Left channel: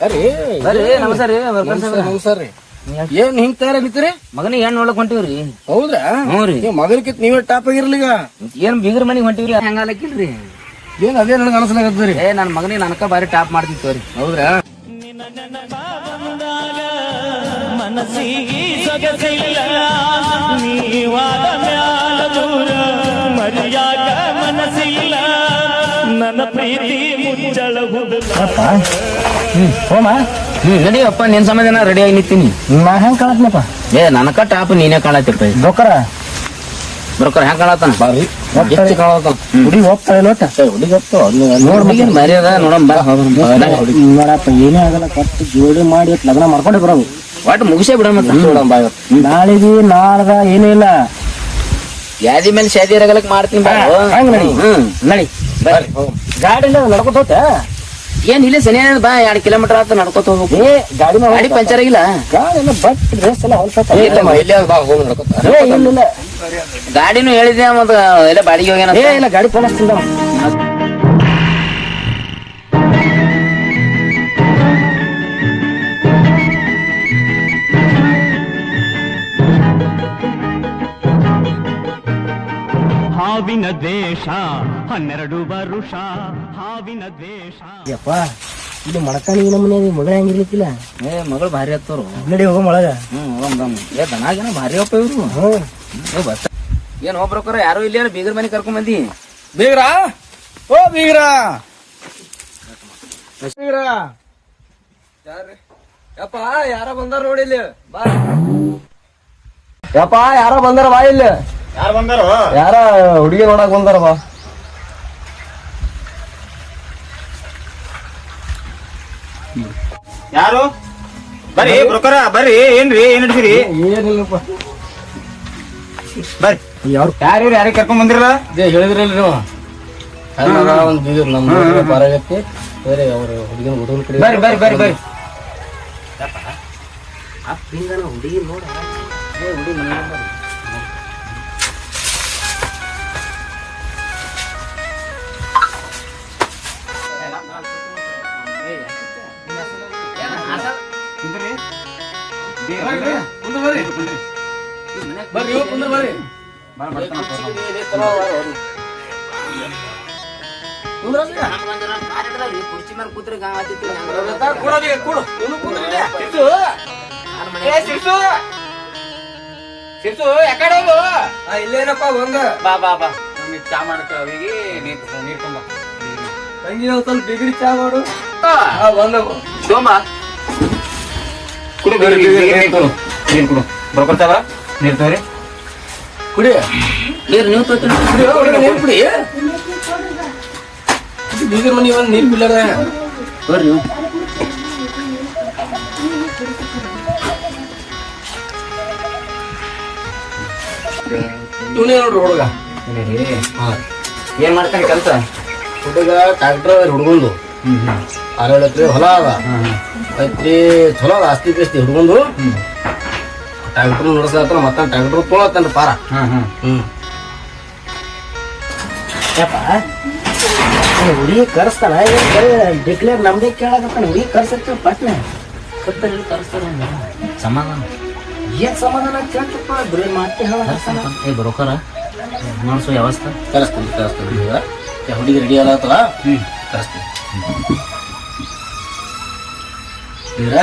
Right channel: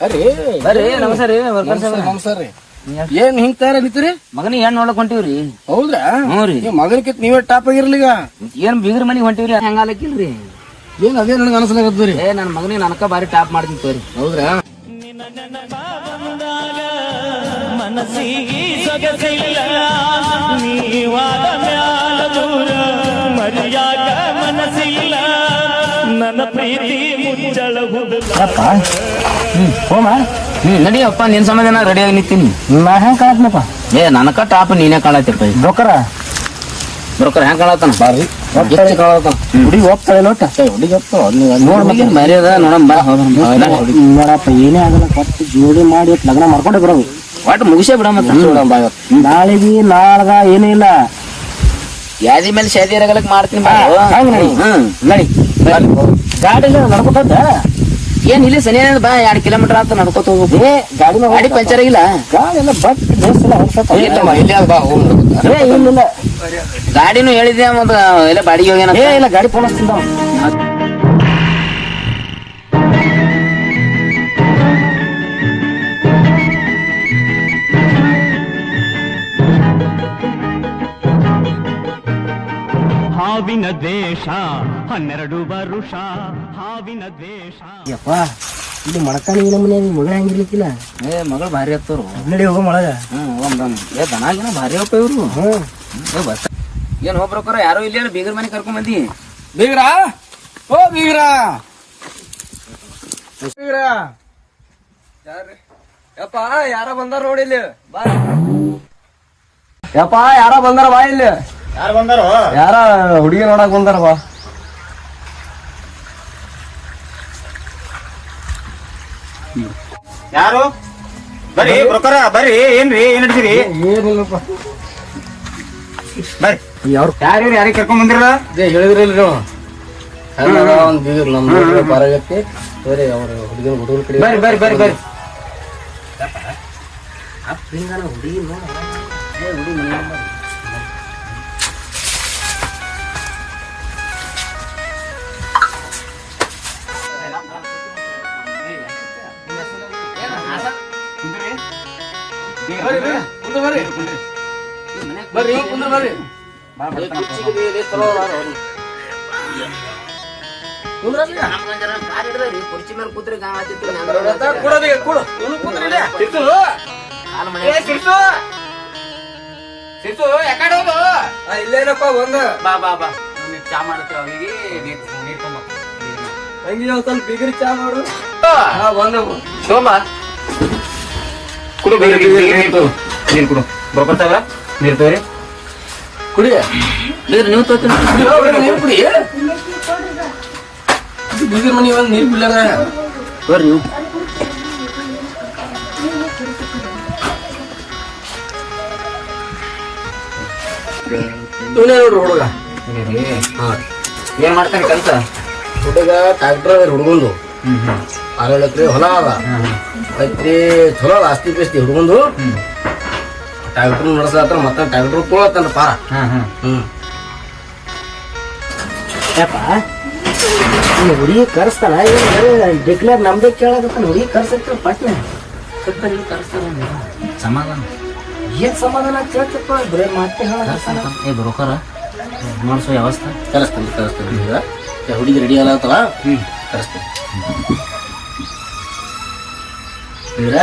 ಅರೆ ಬರ್ರಿ ನಮಸ್ಕಾರ ರೀ. ನಮಸ್ಕಾರ ರೀ. ಏನ್ ಹಿಂಗ್ ತಯಾರ ನಿಂತೀರಿ ಮಗನಿಗೆ ಹೆಣ್ಣು ನೋಡಕ್ ಹೊಂಟಿವ್ರಿ. ಹೌದ್ರಾ? ಹ್ಞೂ ರೀ. ಮಗನಕಿತ್ ನೀವೇ ಟಾಪ್ ಆಗಿರ್ಲಿಗ ಏನ್ ಬೀಗ್ರ ಮನಿಗ್ ಹೊಂಟಿವ್ರಿ? ಹೆಂಗಾಲಕ್ಕಿಲ್ರಿ ಏನ್ ಅದೇ ನನಗೆ ಅನಸ್ಲಾಗತ್ತದ್ರಿ ಏ ನನ್ ಮಗನಿಗೆ ನನಕ ಬಾರಿ ಟಾಪ್ ಮಾಡ್ತೀನಿ ತೋರಿ. ಹೌದ್ರಾ? ಮನಸ್ಸಿಗೆ ಸೊಗಸಿಲ್ಲ. ನೀವಾದ ಮ್ಯಾಲ ದೂರ ಮರ್ಯಾದ ಮನಸ್ಸಿಲ್ಲ. ನನ್ನ ಪ್ರೀತಿ ಮುಚ್ಚಳಹುದಿಲ್ಲ ಹೋಮ ನಡಿ ಅಪ್ಪ ನಿನ್ ಸಮಾಧಾನ ರೆಡಿ ಆಗಿ ನಿಂತೀನಿ. ನಾ ಹೆಂಗ್ ಕಾಣತ್ನಪ್ಪ ಏ ನನಕ ಟಾಪ್ ನೀನೇ ಕಾಣತಿರ್ತೈ ಬ್ರೋಕರ ಬ್ರೋಕರ್ ಹೆಂಗ್ ಕಾಣತಾನ ಬಾರಿ. ಹುಡುಗಿ ಹೋಗ್ತಾಳೆ ನೋಟ ಹುಡುಗಿ ನೋಡ್ ಮರ್ಯಾದ ನೋಡಮ್ಮ. ನೋಡಮ್ ಬಾ ನೋಡಪ್ಪ ಏನೇ ಆಗಲ್ಲ ಕೊಟ್ಟು ಜೋಡಿ ಮಾಡಿ ಲಗ್ನ ಮಾಡ್ಕೊಂಡೆ ಬರೋ ಒಟ್ಟು ಮುಗಿಸೇ ಬಿಡಮ್ಮ ನಾಳೆಗಿ ನಾಳ್ಗ ಏನಿಲ್ಲ ಯಾದಿ ಮೇಲೆ ಶಾದಿ ಇರಗಲಕ್ ಮಾಡ್ತೀನಿ ಬಾ. ಹಂಗ್ ನಡಿ. ಹ್ಮ್ ನಡಿ ಗಾಡಿ ನಡ್ಕೊತ ಏನ್ ಇಲ್ಲಿ ಸನಿ ಬಾ ಎರಡ್ ಕಿಲೋಮೀಟರ್ ಆತ ನಡ್ಕೋತ ಹೋಗ್ಬೇಕು. ಏ ಗಾಡಿ ಗಾಡಿ ಪಂಚರ್ ಆಗಿಲ್ಲ? ಗಾಡಿ ಎಲ್ಲ ಬಟ್ ಡ್ರೆಸ್ ಎಲ್ಲ ಹೊಲ್ಸತ್ತ ಏ ಇಲ್ಲ ಗಾಡಿನೂ ಹೇಳಿದ್ರೆ ಮತ್ತ ಎಲ್ಲ ಬಾಡಿಗೆ ಹೋಗ್ಯಾನ ಏ ಇಲ್ಲ ಗಾಡಿ ಫೋನ್ ಹಚ್ತಿಂದ ಹಾವಿನ ದ್ವೇಷ ಹನ್ನೆರಡು ವರುಷ ಹಾವಿನ ದ್ವೇಷ. ಯಪ್ಪ ಇದು ಮಡಕಾನಿ ಮನೆ ಮಗಳ ಹೆಂಗಿರ್ಲಿಕ್ಕಿಲ್ಲ? ಏ ಮಗಳು ಭಾರಿ ಹತ್ತವ್ರು ನಡಿ ಹೋಗೋ ಮಳಗ. ಹ್ಮ್ ಹೋಗಮ್. ಏ ದನಾಗಿನ ಭಾರಿ ಅಪ್ಪ ಇವ್ರು. ಹ್ಮ್ ಏ ಬಸ್ ಏನ್ ಹೋಗ್ಬೇಕಾರ ಯಾರು ಇಲ್ಲ ಬೀಗರ್ ಮನೆ ಕರ್ಕೊಂಡ್ ಬಂದಿ. ಬೀಗ್ರ? ಓ ಬೀಗ್ರ. ಬೀಗ್ರ. ಯಪ್ಪ ಯಾರ ಬಂದಾರ ನೋಡಿ ಇಲ್ಲಿ. ಬಾ. ಯಪ್ಪ ಯಾರ ಬಂದಾರ ಬಾ ಇಲ್ಲಿ. ಯಾರು ಬಂದಾರು? ಯಾರ ಹುಡುಗಿ ನೋಡಕ್ ಬಂದಾರ ಬಾ ಯಾರು? ಬರ್ರಿ ಬ್ರೋಕರ ಬರ್ರಿ. ಏನ್ರಿ ಏನ್ ಹಿಡ್ತೀರಿ ಏನಿಲ್ಲಪ್ಪ. ಬರ್ರಿ. ಯಾರು? ಯಾರು ಯಾರಿಗೆ ಕರ್ಕೊಂಡ್ ಬಂದಿರಲ್ಲ? ಹೇಳಿದ್ರಲ್ಲ ನೀವು. ಒಂದು ನಮ್ಮ ಬರಾಗತ್ತೆ ಬೇರೆ ಅವ್ರ ಹುಡುಗಿನ ಹುಡುಗನ ಕಡೆ ಬರ್ರಿ ಬರ್ರಿ ಬರ್ರಿ ಬರ್ರಿ. ಹುಡುಗಿ ನೋಡ ಬರ್ರಿ ಕುಂದ್ರ ಬರ್ರಿ ಕುರ್ಚಿ ಮೇಲೆ ಕೂತ್ರೆ ಗಾಂವ್ ಆತಿತ್ತು. ಇಲ್ಲೇನಪ್ಪ ಬಂದ ಬಾ ಬಾ ಬಾ ನೀವ್ ಚಾ ಮಾಡ್ತೇವೆ ಅವಿಗೆ ನೀರು ನೀರ್ ತುಂಬ ತಂಗಿ ಸ್ವಲ್ಪ ಬಿದಿರಿ ಚಾ ಮಾಡು ಬಂದವು ಕುಡು ನೀರ್ ಕುಡು. ನೀರ್ ಕುಡು. ನೀವು ತಗೋತೀನಿ ಕುಡಿ ಮನಿ ಒಂದ್ ನೀರ್ ಬರ್ರಿ ನೋಡ್ರಿ ಹುಡುಗ. ಏನ್ ಮಾಡ್ತಾನೆ ಕೆಲಸ? ಹುಡುಗ ಹುಡುಗಂದು. ಆರೇಳು ಎಕರೆ ಹೊಲ ಅದ ಐತ್ರಿ ಚಲೋ ಅದ ಆಸ್ತಿ ಪಾಸ್ತಿ ಹುಡುಗಂದು ಟ್ಯಾಕ್ಟರ್ ನಡೆಸ್ಲತ್ತಾರ ಮತ್ತ ಟ್ಯಾಕ್ಟರ್ ತೊಗೊಳತ್ತನ್ರಿ ಪಾರ. ಹ್ಮ್ ಹುಡುಗಿ ಕರ್ಸ್ತಾನ? ಏನ್ ಬರೀ ಡಿಕ್ಲೇರ್ ನಮ್ದೇ ಕೇಳಕತ್ತಾನ? ಹುಡುಗಿ ಕರ್ಸತ್ತ ಪಟ್ನೆ ಸಮಾಧಾನ. ಏನ್ ಸಮಾಧಾನ ಕೇಳ್ತಪ್ಪ ಬರೀ ಮಾತೆ ಹೇಳ ಏ ಬ್ರೋಕರ ಮಾಡಿಸೋ ವ್ಯವಸ್ಥೆ. ಕರೆಸ್ತಾನೆ ಕರೆಸ್ತಾನೆ. ಹುಡುಗಿ ರೆಡಿ ಅಲ್ಲ ಹ್ಮ್. ಕರೆಸ್ತಾನೆ. ಇದರ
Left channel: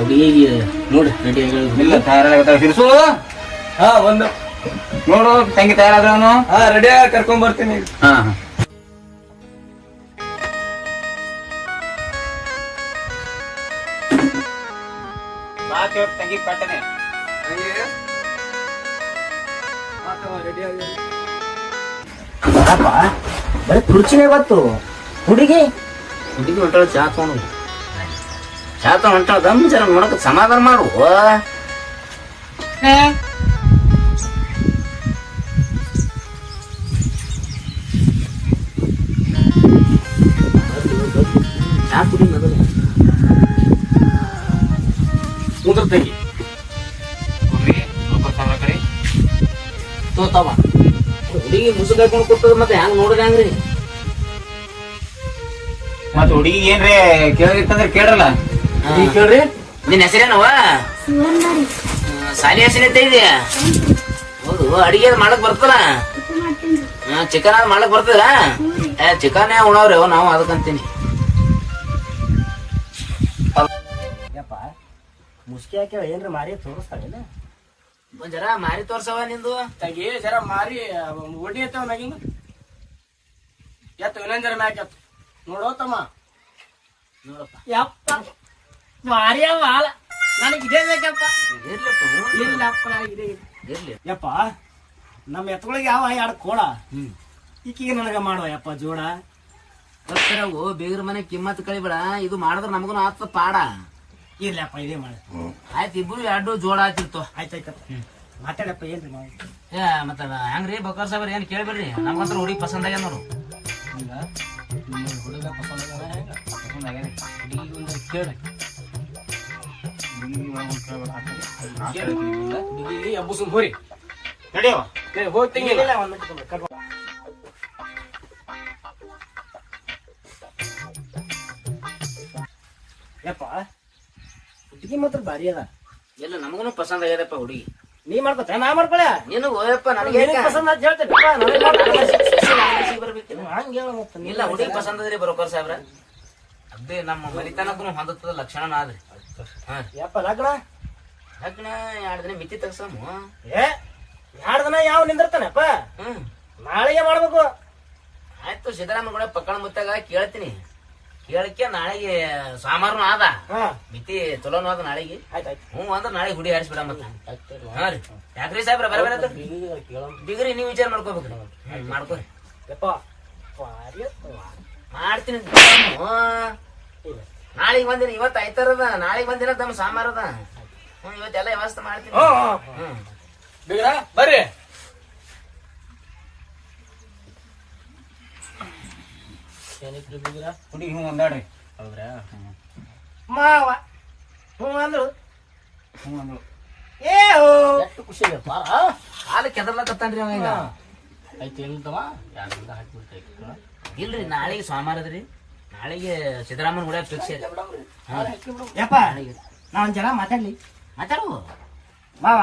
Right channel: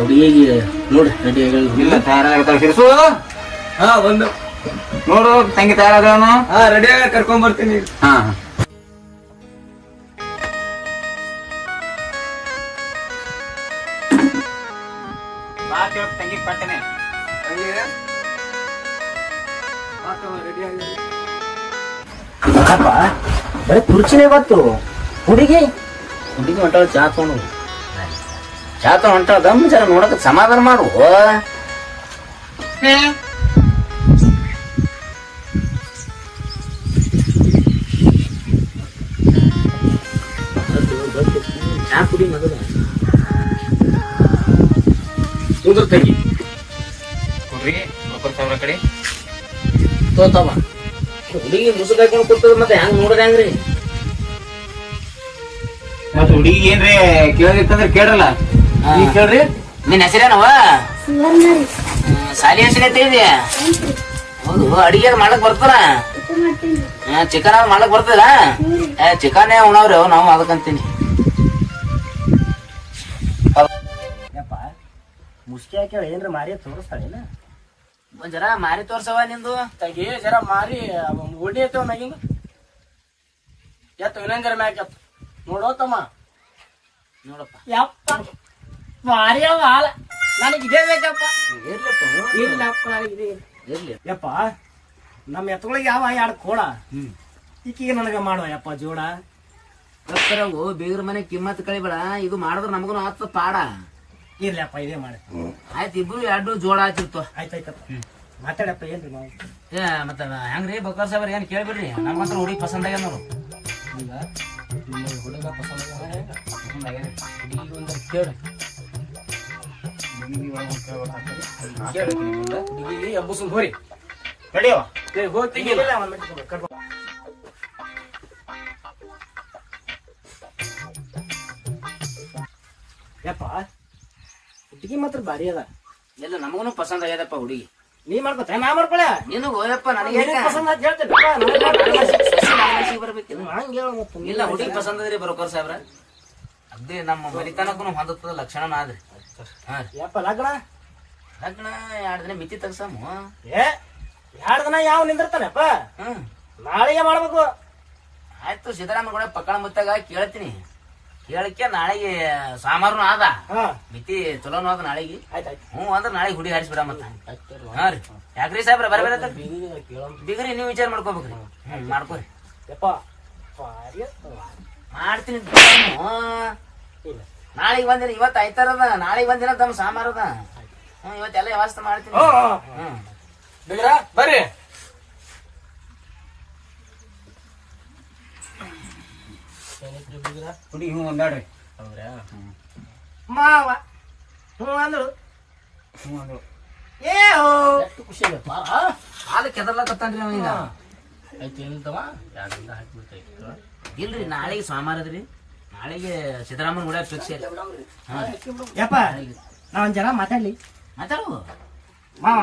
ಹುಡುಗಿ ನೋಡು ರೆಡಿ ಇಲ್ಲ ತಯಾರಾಗತ್ತಾವ ಸಿರ್ಸು ಹಾ ನೋಡು ತಂಗಿ ತಯಾರಾದವನು ಹಾ ರೆಡಿ ಆಗಿ ಕರ್ಕೊಂಡ್ ಬರ್ತೀನಿ ಹಾ ತಂಗಿ ಪಟ್ಟನೆ ಬರೀ ಕುರ್ಚಿನೇ ಬತ್ತು ಹುಡುಗಿ? ಹುಡುಗಿ ಹೊಂಟಾಳ ಚಾ ತಗೊಂಡು ಚಾ ತಗೊಂಡು ಹೊಂಟಾಳ ದಮ್ ಜರ ನೋಡಕ್ ಸಮಾಧಾನ ಮಾಡು. ಚಾ ಕುಡಿ ಮೊದಲು. ಕುಂದ್ರ ತೆಗಿ. ಕಡೆ. ತೋತಾವ. ಹುಡುಗಿ ಮುಸುಕ್ ಕೊಟ್ಟದ ಮತ್ತೆ ಹೆಂಗ್ ನೋಡದ ಹೆಂಗ್ರಿ? ಮತ್ ಹುಡುಗಿ ಏನ್ರಿ ಕೇಳಿರ್ತಂದ್ರ ಕೇಳಲ್ಲ. ಈಗ ಕೇಳ್ರಿ. ನಿನ್ ಹೆಸರೇನವ? ಸಾಲಿ ಹೆಸರೈತೆ ಇದೆಯಾ ಹೌದು ಅಡಿಗೆ ಮಾಡಕ್ ಬರ್ತಲ್ಲ ಚಿಕನ್ ಮಾಡಕ್ ಬರ್ತದ? ಏ ಚಿಕನ್ ಉಣವ್ರಿ ನಾವು ಅದಕ್ಕಂತೀನಿ ಮುಸ್ಕಿ ಹಾಕ್ಯಾಳ ಏನ್ರಿ ಮಾರಿ ತೋರಿಸ್ತಾಳಿಲ್ಲ ಒಂದ್ ಜರ ಮಾರಿ ತೋರ್ಸವ ನಿಂದು. ತಗಿ ಜರ ಮಾರಿ ಒಡಿ ಐತವ ಮ್ಯಾಗಿಂದ ಎತ್ತ ಇನ್ನೊಂದ್ ಜರ ಮ್ಯಾಕ್ ಎತ್ತು ನೋಡೋ ತಮ್ಮ. ನೋಡಪ್ಪ. ಯಪ್ಪ. ಮಾರಿ ಮಾಲ ನನಗೆ ಇದೇ ಬೇಕಪ್ಪ. ಇರ್ಲಪ್ಪ ಇಲ್ಲಪ್ಪ ನನಗೆ ಇದೇ ಇರ್ಲಿ. ಯಪ್ಪ ನಮ್ಮ ಎತ್ತಗಳಿಗೆ ಯಾವ ಎರಡು ಕೋಡ. ಈಕಿಗೆ ನನಗೆ ಮಾಡುವ ಯಪ್ಪ ಜೋಡ. ಓ ಬೇಗರ ಮನೆ ಕಿಮ್ಮತ್ ಕಳಿಬೇಡ. ಇದು ಮಾಡಿದ್ರೆ ನಮಗೂ ಆತ ಪಾಡ. ಇರ್ಲಪ್ಪ ಇದೇ ಮಾಡಿ. ಆಯ್ತು ಇಬ್ರು ಎರಡು ಜೋಡ ಆಯ್ತು ಆಯ್ತಾಯ್ತಪ್ಪ ಮಾತಾಡಪ್ಪ ಏನ್ರಿ ಮಾವ? ಏ ಮತ್ತೆ ಹೆಂಗ್ರಿ ಬಕರ್ ಸಾಬರ್ ಏನ್ ಕೇಳ್ಬಿಡ್ರಿ? ನಮ್ಗಂತ್ರ ಹುಡುಗಿ ಪಸಂದ್ ಆಗ್ಯಾನ ನೋಡು. ಈಗ ಹೋರಿ ನಡಿಯೋ ಹೋಗ್ತಿಂಗಿಲ್ಲ. ಯಪ್ಪ ಹುಡುಗಿ ಮಾತ್ರ ಭಾರಿ ಅದ ಎಲ್ಲ ನಮಗೂ ಪಸಂದ್ ಆಗ್ಯದಪ್ಪ ಹುಡುಗಿ ನೀ ಮಾಡ್ಕೊತ ನಾ ಮಾಡ್ಕೊಳೆ ನೀನು ಹೋಯಪ್ಪ ನನಗೆ ಪಸಂದ್ ಹೇಳ್ತೇನೆ ಬರ್ಬೇಕಿಲ್ಲ ಹಂಗ್. ಇಲ್ಲ ಹುಡುಗಿ ಪಸಂದ್ ಅದ್ರಿ ಬರೋಕರ್ ಸಾಹೇಬ್ರ. ಅದೇ ನಮ್ಮ ಮರಿತನಕ್ಕೂ ಹೊಂದುತ್ತದ ಲಕ್ಷಣ ಆದ್ರಿ. ಯಪ್ಪ ಲಗ್ನ? ಲಗ್ನ ಎರಡ್ ದಿನ ಮಿತಿ ತೆಗ್ಸಾಮು. ಏ ಎರಡ್ ದಿನ ಯಾವ ನಿಂದಿರ್ತಾನಪ್ಪ? ನಾಳೆಗೆ ಮಾಡ್ಬೇಕು. ಆಯ್ತು ಸಿದ್ದರಾಮಯ್ಯ ಕೂಡ ಪಕ್ಕಳ ಮುತ್ತಾಗ ಕೇಳ್ತೀನಿ. ಕೇಳಕ್ಕೆ ನಾಳೆಗೆ ಸಾಮಾರು ಆದ. ಮಿತಿ ಚಲೋನು ಆದ ನಾಳೆಗೆ. ಹ್ಞೂ ಅಂದ್ರೆ ನಾಳೆ ಹುಡಿ ಹಾರಿಸ್ಬಿಡ ಮತ್ತ. ಹಾ ರೀ. ಯಾಕ್ರಿ ಸಾಹೇಬ್ರ ಬರ್ಬೇಡ ಬಿಗ್ರಿ ನೀವು ವಿಚಾರ ಮಾಡ್ಕೋಬೇಕ್ರಿ. ಹ್ಮ್ ಮಾಡ್ಕೋರಿ. ಯಪ್ಪ. ಮಾಡ್ತೀನಿ. ನಾಳೆಗೆ ಬಂದಿನ ಇವತ್ತು ಆಯ್ತಾರದ ನಾಳೆಗೆ ಬಂದಿನ ತಮ್ಮ ಸಾಮಾರದ ಹ್ಮ್ ಇವತ್ತೆಲ್ಲ ವ್ಯವಸ್ಥೆ ಮಾಡ್ತೀನಿ. ಹ್ಞೂ, ಹ್ಞೂ. ಬೀಗ್ರ ಬರ್ರಿ. ಏನಿತ್ರಿ ಬೀಗ್ರ? ಹುಡುಗಿ ಹ್ಞೂ ಒಂದಾಡ್ರಿ. ಹೌದ್ರಾ? ಮಾವ ಹ್ಞೂ ಅಂದ್ರು ಹ್ಞೂ ಅಂದ್ರು ಏ ಎಷ್ಟು ಖುಷಿ ಆಗಪ್ಪ ಹಾಲು ಕೆದರ್ಲಕತ್ತಾನ್ರಿ ಅವ ಈಗ. ಇಲ್ರಿ ನಾಳೆಗೆ ಸೋಮವಾರದ್ರಿ ನಾಳೆಗೆ ಸಿದ್ದರಾಮಯ್ಯ ಕೂಡ ಫಿಕ್ಸ್ ಯಪ್ಪ ನಾ ಒಂದ್ ಜನ ಮಾತಾಡ್ಲಿ. ಮಾತಾಡು. ಮಾವ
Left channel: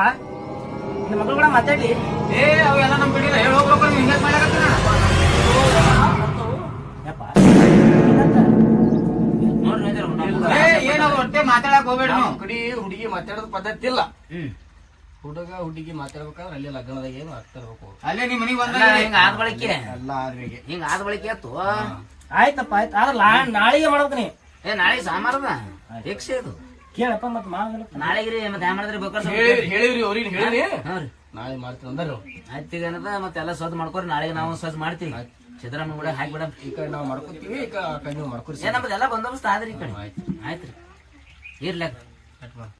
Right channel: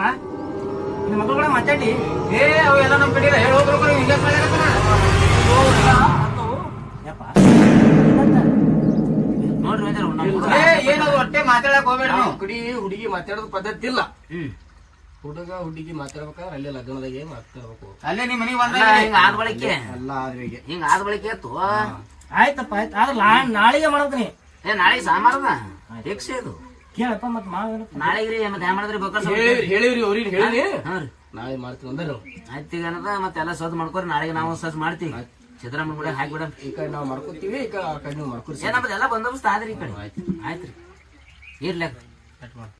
ನಿಮ್ಮ ಮಗಳು ಕೂಡ ಮಾತಾಡ್ಲಿ. ಏ ಅವೆಲ್ಲ ನಮ್ ಬಿಡಿಲ್ಲ ಹೇಳಿ ಹೋಗ್ಬೇಕು ಹಿಂಗೆ ಮಾಡ್ಯಾಕತ್ತಾನ. ಯಪ್ಪ. ನೋಡ್ರಿ ಒಂದ್ ಜರ ಏ ಏನು ಮಾತಾಡಕ್ ಹೋಗ್ಬೇಡ ಕುಡಿ ಹುಡುಗಿ ಹುಡುಗಿ ಮಾತಾಡೋದು ಪದ್ಧತಿ ಇಲ್ಲ. ಹ್ಮ್. ಹುಡುಗ ಹುಡುಗಿ ಮಾತಾಡ್ಬೇಕಂದ್ರೆ ಅಲ್ಲೇ ಲಗ್ನದಾಗೆ ಮಾತಾಡ್ಬೇಕು ಅಲ್ಲೇ ನಿಮ್ ಮನಿಗ್ ಅಲ್ಲ, ಬಂದ ಹಿಂಗ ಆದ ಬಳಿಕೆ? ಎಲ್ಲ ಆದ್ರಿಗೆ ಹಿಂಗ ಆದ ಬಳಿಕೆ ಆಯ್ತು? ಆಯ್ತಪ್ಪ ಆಯ್ತು. ಆದ್ರೆ ನಾಳೆಗೆ ಮಾಡ್ತೀನಿ ಏ ನಾಳೆಗೆ ಸಾಮಾರದ ಫಿಕ್ಸ್ ಇದು ಕೇಳಪ್ಪ ಮತ್ತೆ ಮಾಡಿದ್ರೆ ನಾಳೆಗೆ ರೀ ಮತ್ತೆ ಹೆಂಗ್ ಮಾಡಿದ್ರಿ? ಬೇಕಾದ್ರೆ ಹೇಳಿವ್ರಿ ಅವ್ರಿಗೆ ಹೇಳಿವಿ ನಾಳೆ ಮಾಡ್ತೀನಿ ಅಂದರು ಆಯ್ತು ಈಗ ಏನದ? ಮತ್ತೆ ಎಲ್ಲ ಸದ್ ಮಾಡ್ಕೊರಿ ನಾಳೆಗೆ ನಾವು ಸದ್ ಮಾಡ್ತೀವಿ. ಸಿದ್ದರಾಮಯ್ಯ ಕೂಡ ಹಾಕ್ಬಿಡ ಈ ಕಡೆ ನಾವು ಮಾಡ್ಕೊತೀವಿ ಈ ಕಡೆ ಆ ಕಡೆ ನೀವು ಮಾಡ್ಕೊರಿ. ಏ ನಮ್ದೆಲ್ಲ ಬಂದೋಬಸ್ತ್ ಆದ್ರಿ ಈ ಕಡೆ. ರೀ. ಇರ್ಲಕ್